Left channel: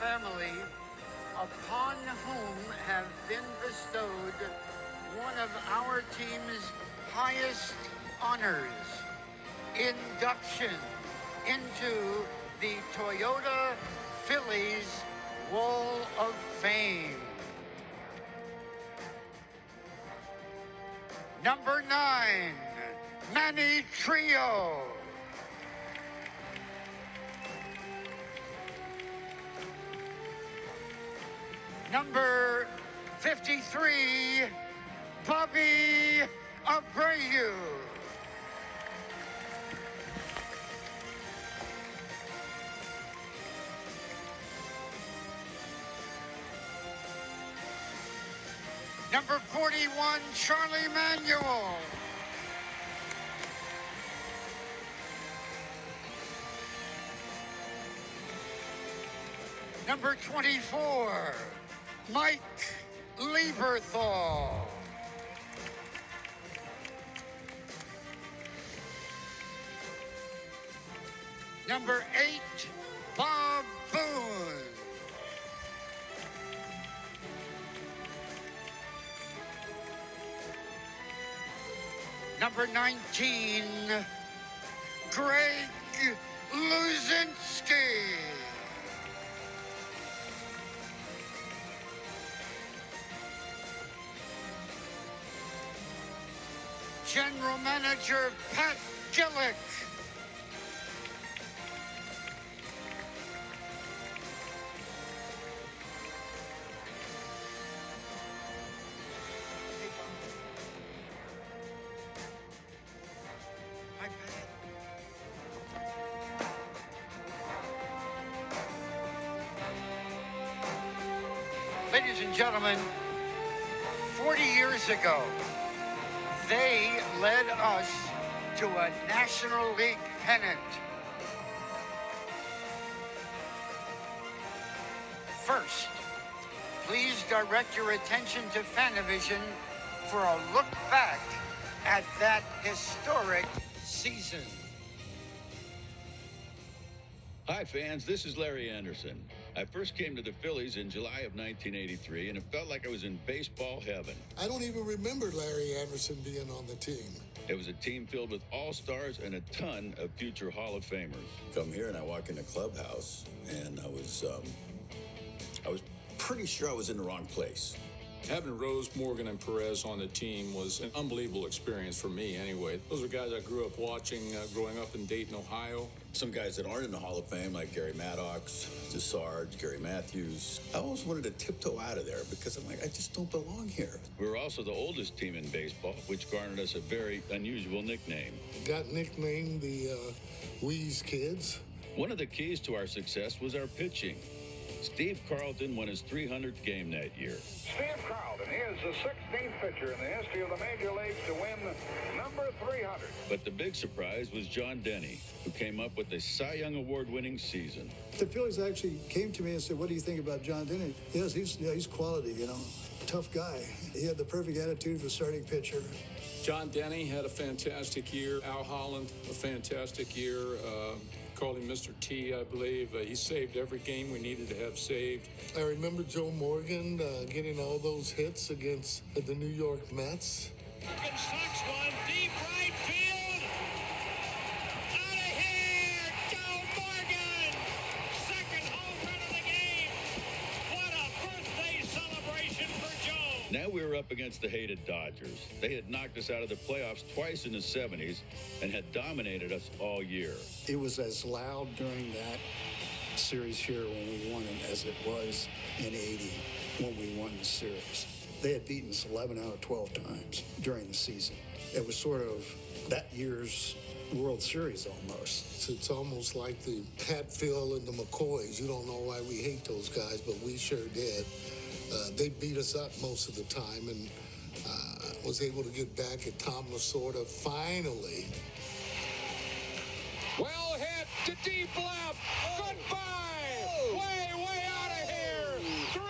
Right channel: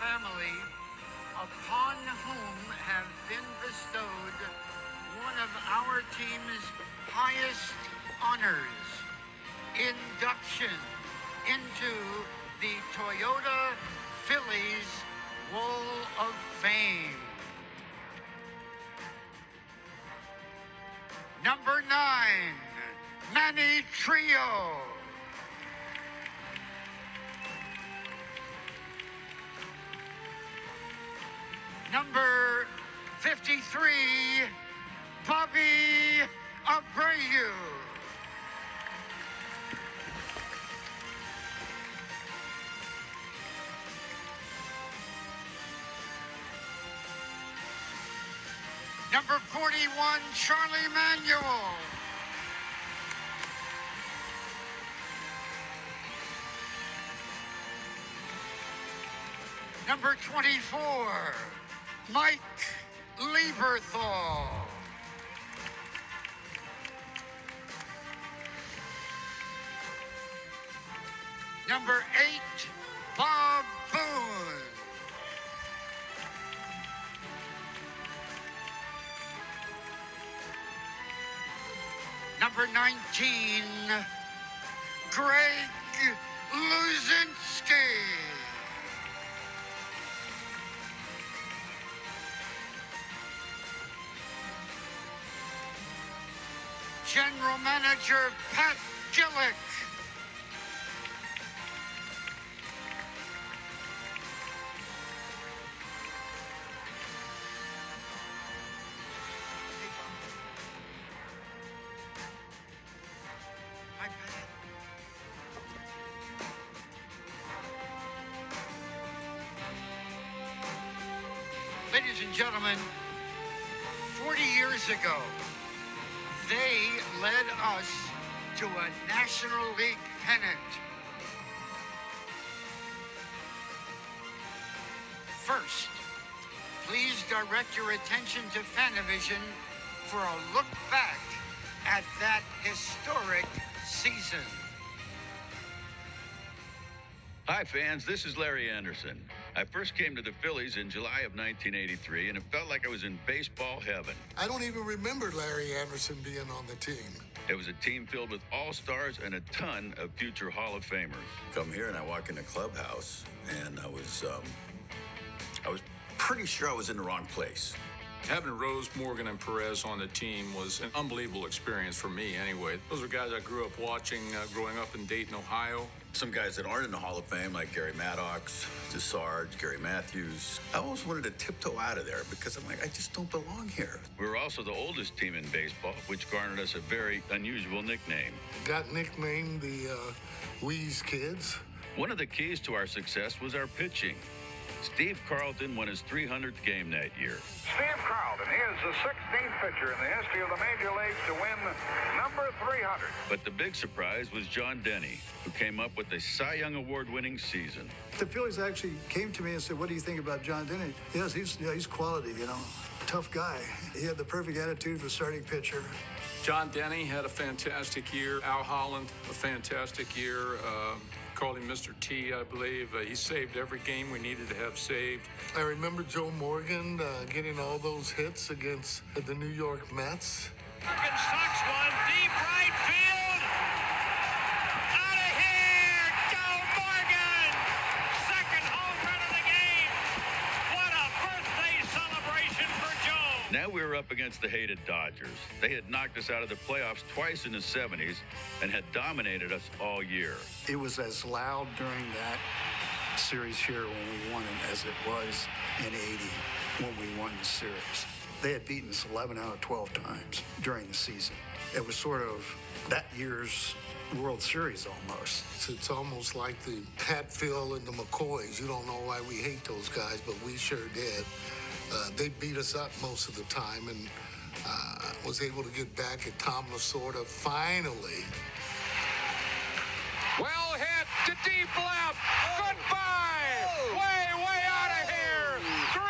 family upon whom have been bestowed one of our team's highest honors, induction into the Toyota Phillies Wall of Fame. Number 9, Manny Trio. Number 53, Bobby Abreu. Number 41, Charlie Manuel. Number 24, Mike Lieberthal. Number 8, Bob Boone. Number 19, Greg Luzinski. General Manager Pat Gillick. Ladies and gentlemen, 40 years ago, they led us to a National League pennant. First, please direct your attention to Fanavision for a look back at that historic season. Hi, fans. This is Larry Anderson. I first came to the Phillies in July of 1983, and it felt like I was in baseball heaven. I don't even remember Larry Anderson being on the team. It was a team filled with all-stars and a ton of future Hall of Famers. Come here, and I walk in the clubhouse, and I was pretty sure I was in the wrong place. Having Rose, Morgan, and Perez on the team was an unbelievable experience for me anyway. Those are guys I grew up watching growing up in Dayton, Ohio. Some guys that aren't in the Hall of Fame, like Gary Maddox, DeSarge, Gary Matthews. I almost wanted to tiptoe out of there because I'm like, I just don't belong here. We were also the oldest team in baseball, which garnered us a very unusual nickname. Got nicknamed the Wheeze Kids. One of the keys to our success was our pitching. Steve Carlton won his 300th game that year. Steve Carlton, he is the 16th pitcher in the history of the Major Leagues to win number 300. But the big surprise was John Denny, who came up with a Cy Young Award-winning season. The Phillies actually came to me and said, what do you think about John Denny? Yes, he's quality, tough guy. He had the perfect attitude for starting pitcher. John Denny had a fantastic year. Al Holland, a fantastic year. Called him Mr. T, I believe. He saved every game we needed to have saved. I remember Joe Morgan getting all those hits against the New York Mets. Morgan sucks one, deep right field. Out of here, Joe Morgan! Second home run of the game. What a birthday celebration for Joe. Now we were up against the hated Dodgers. They had knocked us out of the playoffs twice in the 70s and had dominated us all year. It was as loud during that series here when we won it as it was in 80 when we won the series. They had beaten us 11 out of 12 times during the season. It was sort of that year's World Series almost. It's almost like the Hatfield and the McCoys. You don't know why we hate those guys, but we sure did. They beat us up most of the time and was able to get back at Tom Lasorda finally. Well hit to deep left. Goodbye. Way out of here. 3-0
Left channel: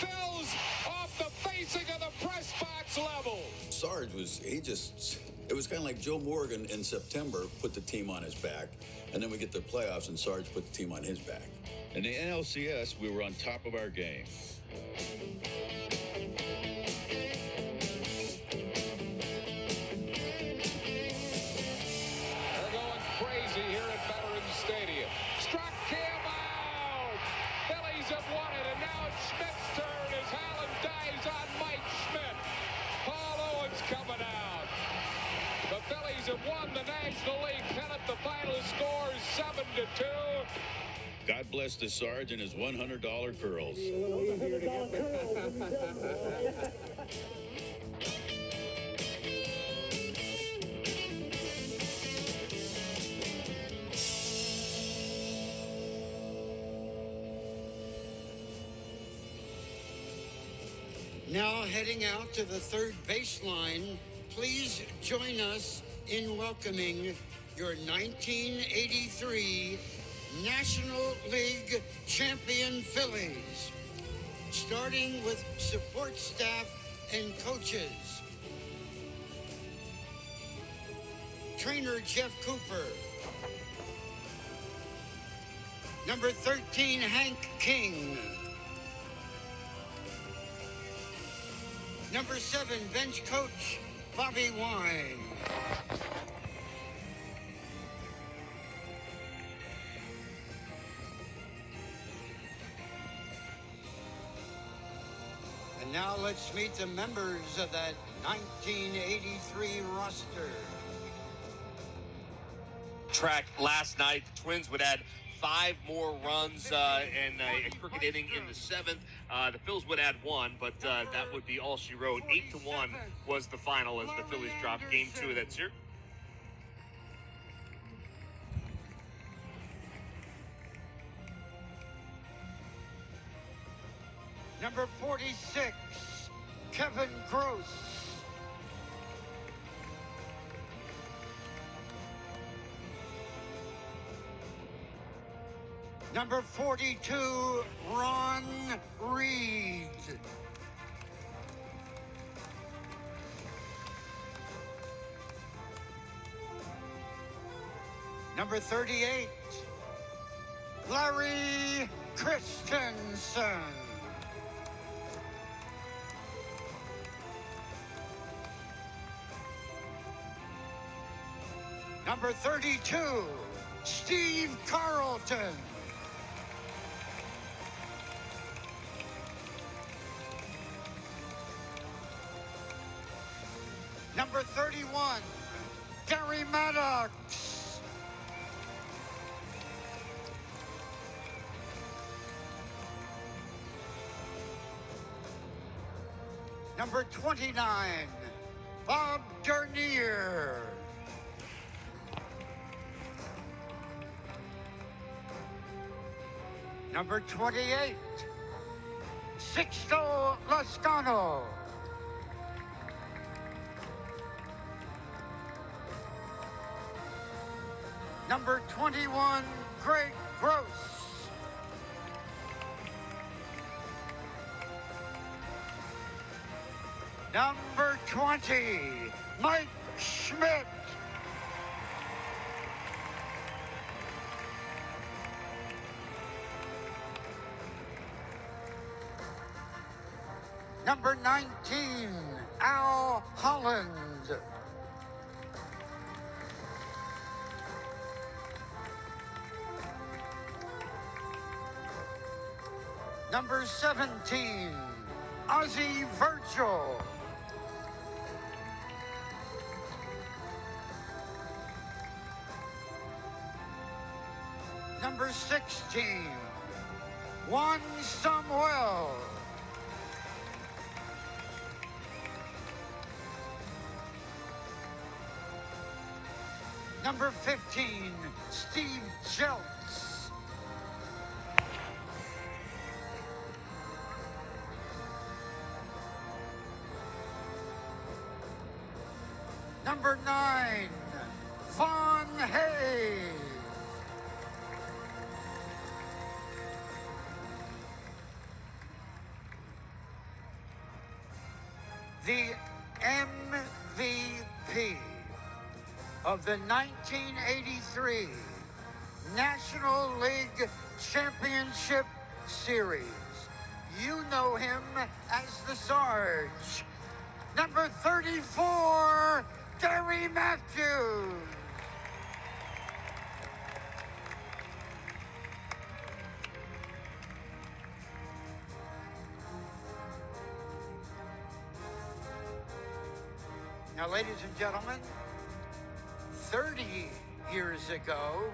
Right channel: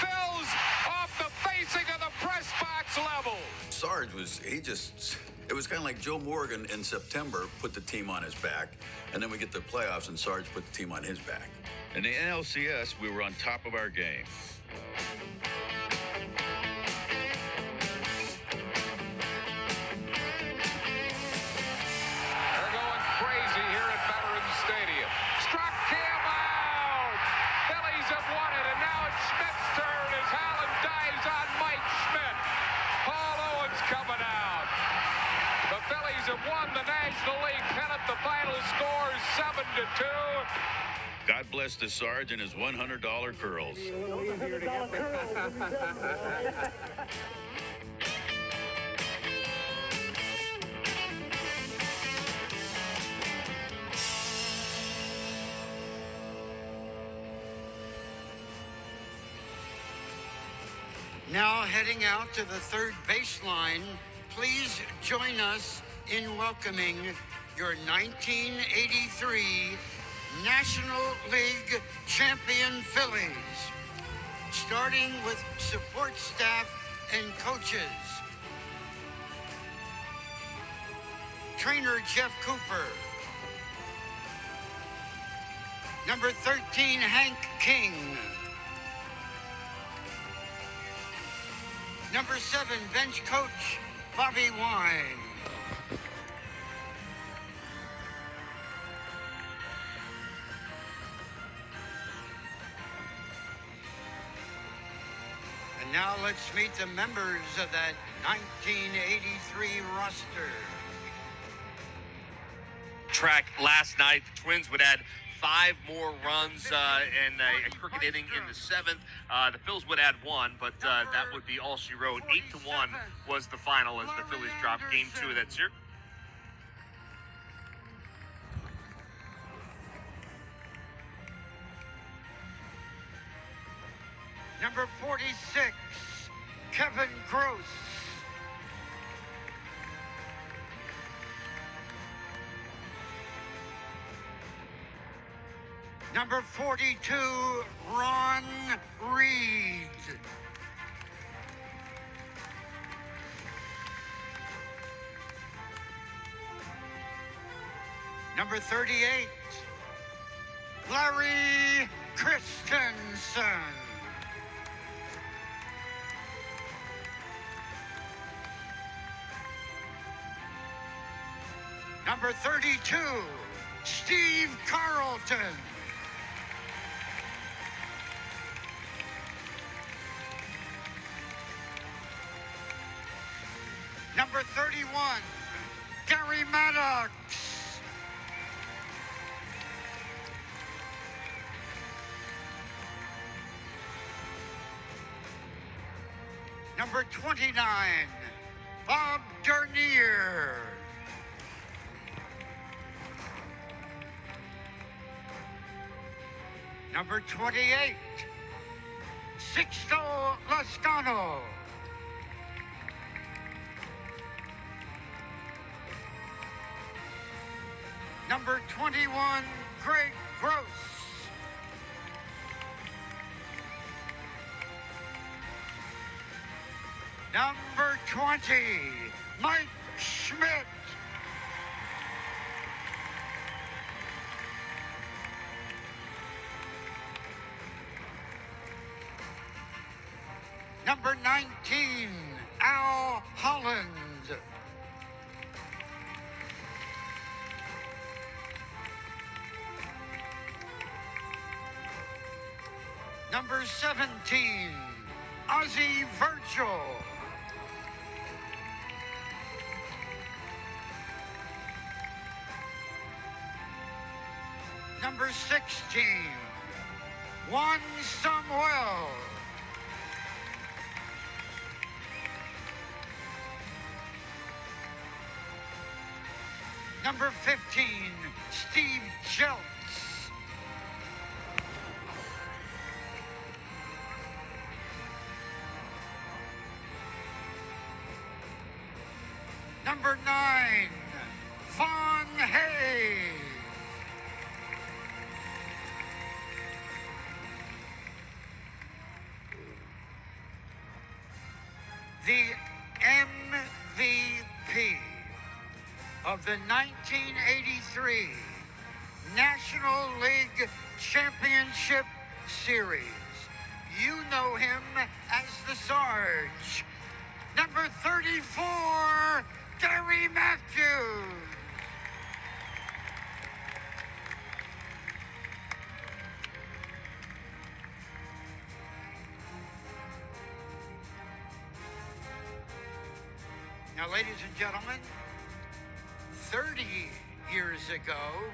Phils off the facing of the press box level. Sarge he just It was kind of like Joe Morgan in September put the team on his back, and then we get the playoffs and Sarge put the team on his back. In the NLCS, we were on top of our game. They're going crazy here at Veterans Stadium. Struck him out! Phillies have won it, and now it's Schmidt's turn as Allen dives on Mike Schmidt. Paul Owens coming out. The Phillies have won the National League pennant. The final score is 7-2. God bless the Sarge and his $100 curls. Now heading out to the third baseline, please join us in welcoming your 1983 National League champion Phillies. Starting with support staff and coaches. Trainer Jeff Cooper. Number 13, Hank King. Number 7, bench coach Bobby Wine. And now let's meet the members of that 1983 roster. Track last night, the Twins would add 5 more runs and a crooked inning in the 7th. The Phils would add 1, but that would be all she wrote. 8-1 was the final as the Phillies dropped Game 2 of that series. Number 46, Kevin Gross. Number 42, Ron Reed. Number 38, Larry Christensen. Number 32, Steve Carlton. Number 31, Gary Maddox. Number 29, Bob Dernier. Number 28, Sixto Lascano. Number 21, Greg Gross. Number 20, Mike Schmidt. Number 19, Al Holland. Number 17, Ozzie Virgil. Number 16, Juan Samuel. Number 15, Steve Jeltz. Number 9, Von Hay. The MVP. of the 1983 National League Championship Series. You know him as the Sarge. Number 34, Gary Matthews. Now, ladies and gentlemen, 30 years ago,